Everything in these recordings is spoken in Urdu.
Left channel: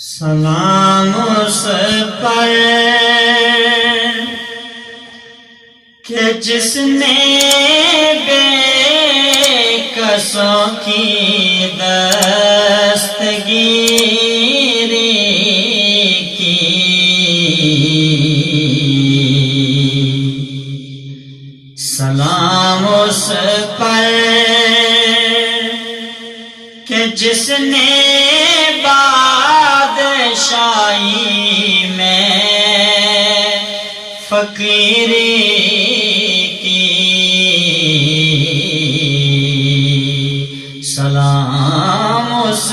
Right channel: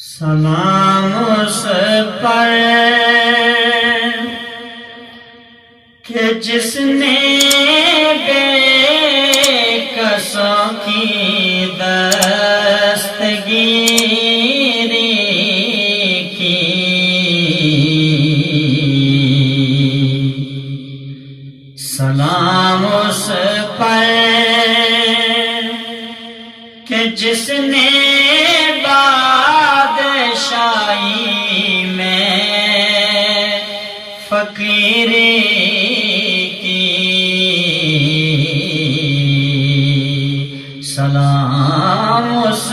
سلام اس پر کہ جس نے بے کسوں کی دستگیری کی، سلام اس پر کہ جس نے بادشاہی میں فقیری کی، سلام اس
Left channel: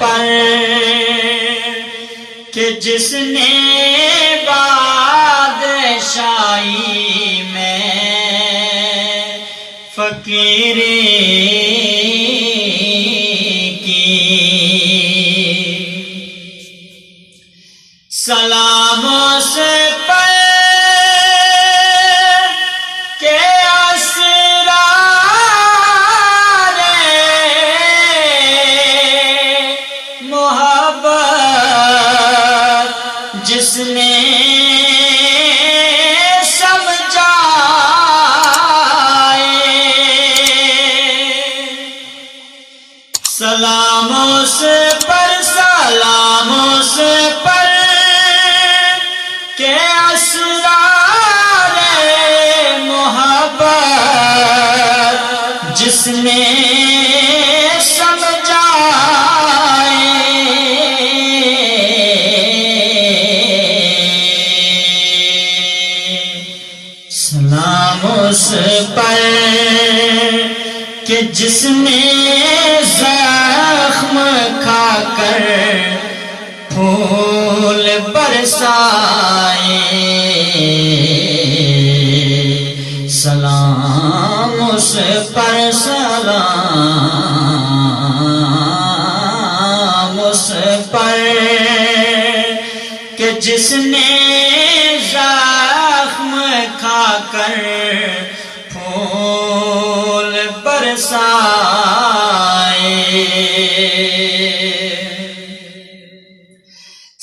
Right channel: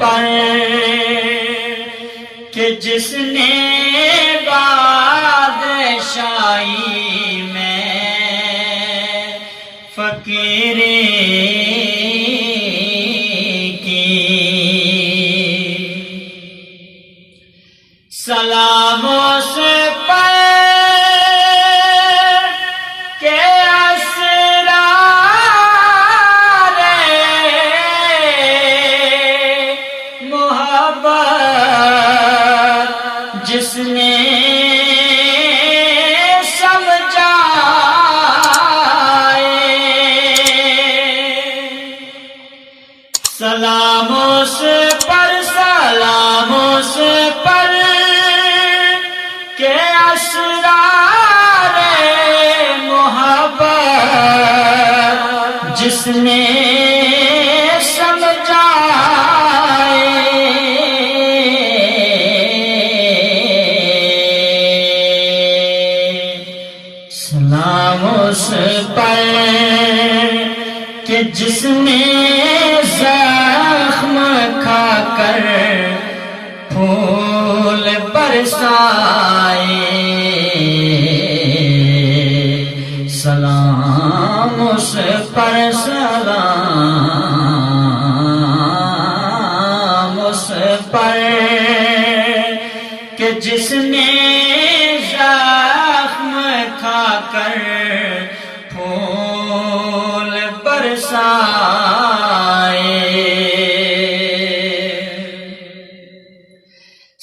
پر کہ جس نے بادشاہی میں فقیری سلام اس پر کہ اسرار محبت جس نے سمجھائے، سلام اس پر، سلام اس پر کہ اسرار محبت جس نے سمجھائے، سلام اس پر کہ جس نے زخم کھا کر پھول برسائے، سلام اس پر، سلام اس پر کہ جس نے زخم کھا کر پھول برسائے،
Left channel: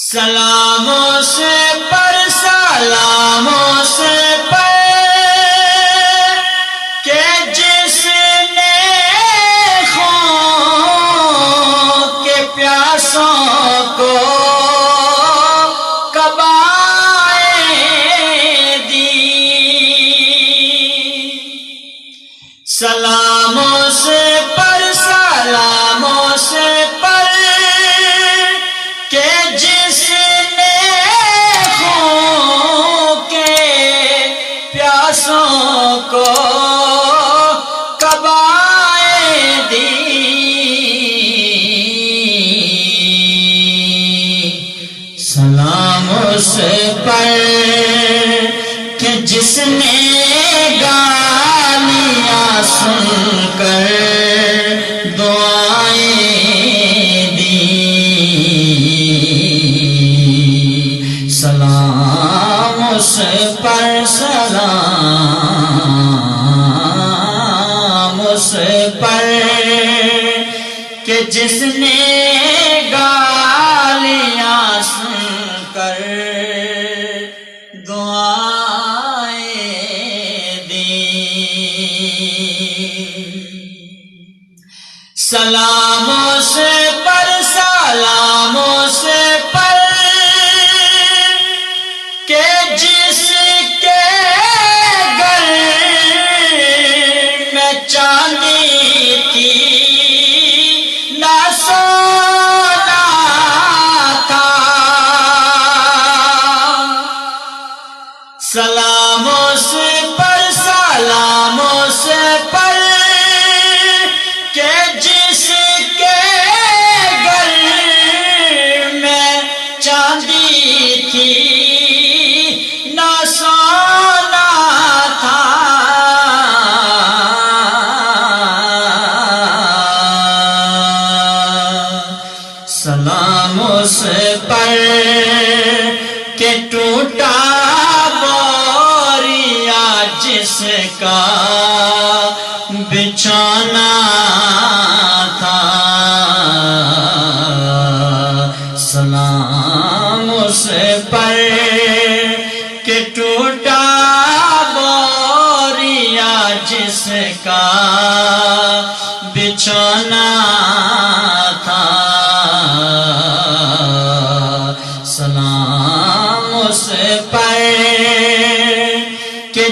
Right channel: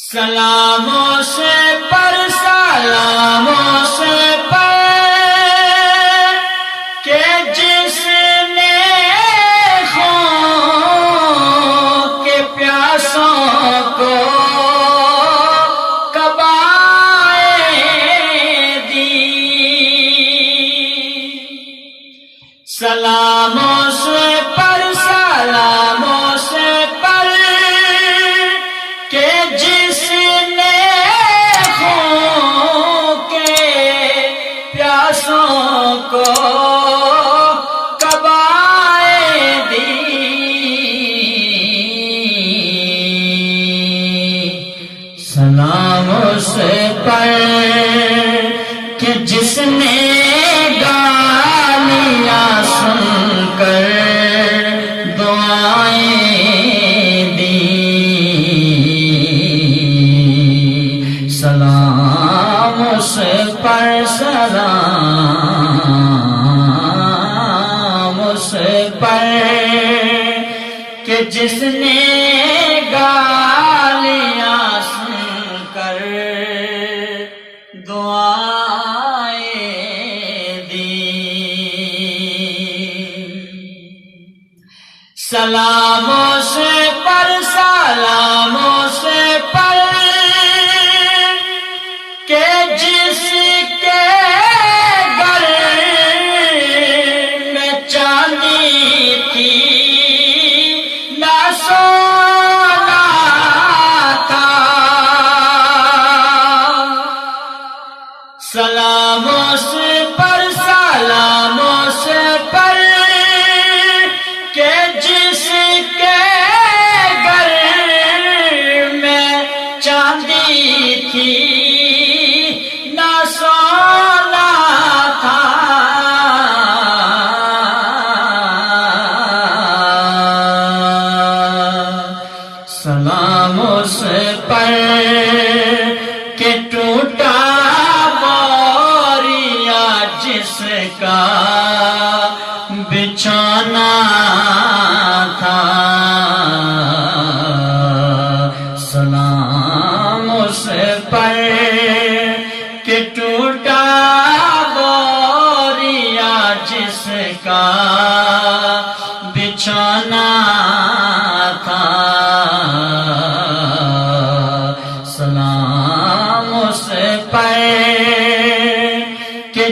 سلام اس پر، سلام اس پر کہ جس نے خون کے پیاسوں کو قبائیں دی، سلام اس پر، سلام اس پر کہ جس نے خون کے پیاسوں کو قبائیں دی، سلام اس پر کہ جس نے گالیاں سن کر دعائیں دی، سلام اس پر، سلام اس پر کہ جس نے گالیاں سن کر دعائیں دی، سلام اس پر، سلام اس پر کہ جس کے گھر میں چاندی تھی نہ سونا تھا، سلام اس پر، سلام اس پر کہ جس کے گھر میں چاندی تھی نہ سونا تھا، سلام اس پر کہ ٹوٹا بوریا جس کا بچھونا تھا، سلام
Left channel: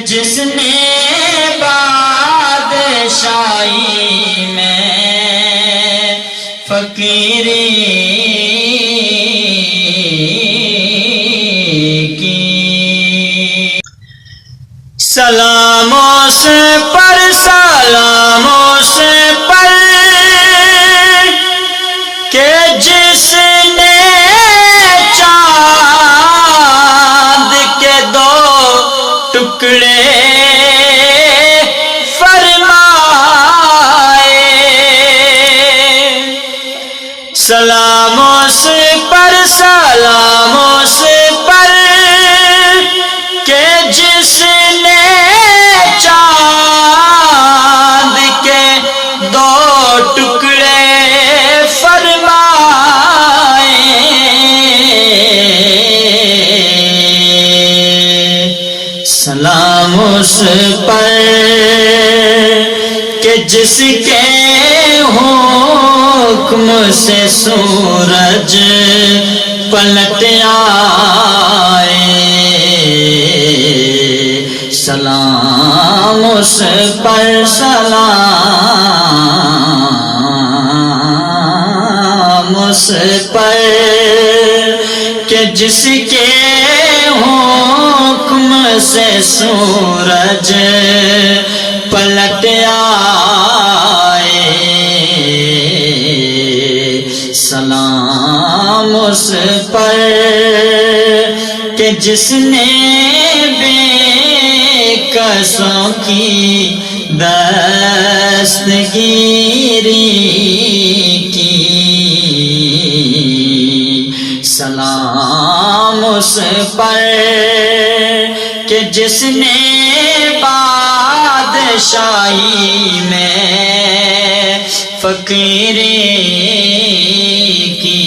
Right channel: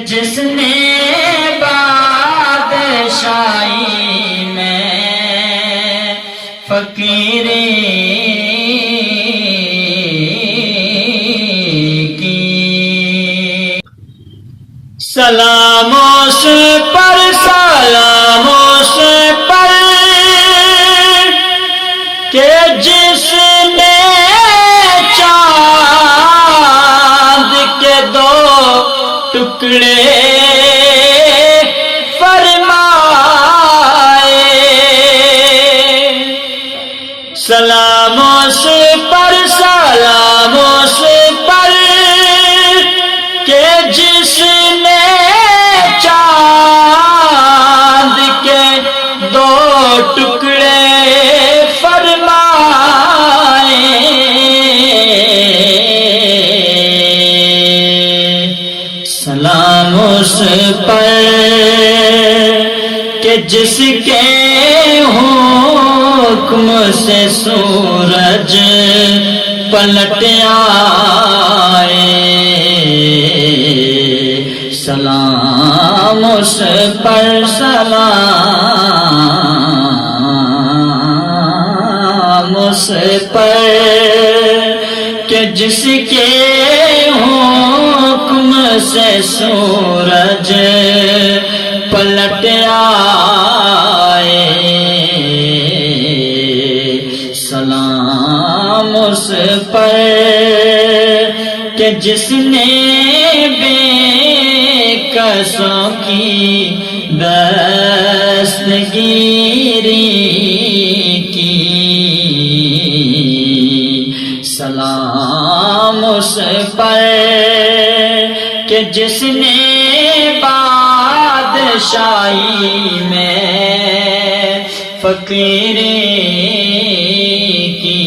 جس نے بادشاہی میں فقیری کی، سلام اس پر سلام اس پر کہ جس نے چاند کے دو ٹکڑے فرمائے، سلام اس پر سلام اس پر کہ جس نے چاند کے دو ٹکڑے فرمائے، سلام اس پر کہ جس کے حکم سے سورج پلٹ آئے، سلام اس پر سلام اس پر کہ جس کے حکم سے سورج پلٹ آئے، سلام اس پر کہ جس نے بے کسوں کی دستگیری کی، سلام اس پر کہ جس نے بادشاہی میں فقیری کی۔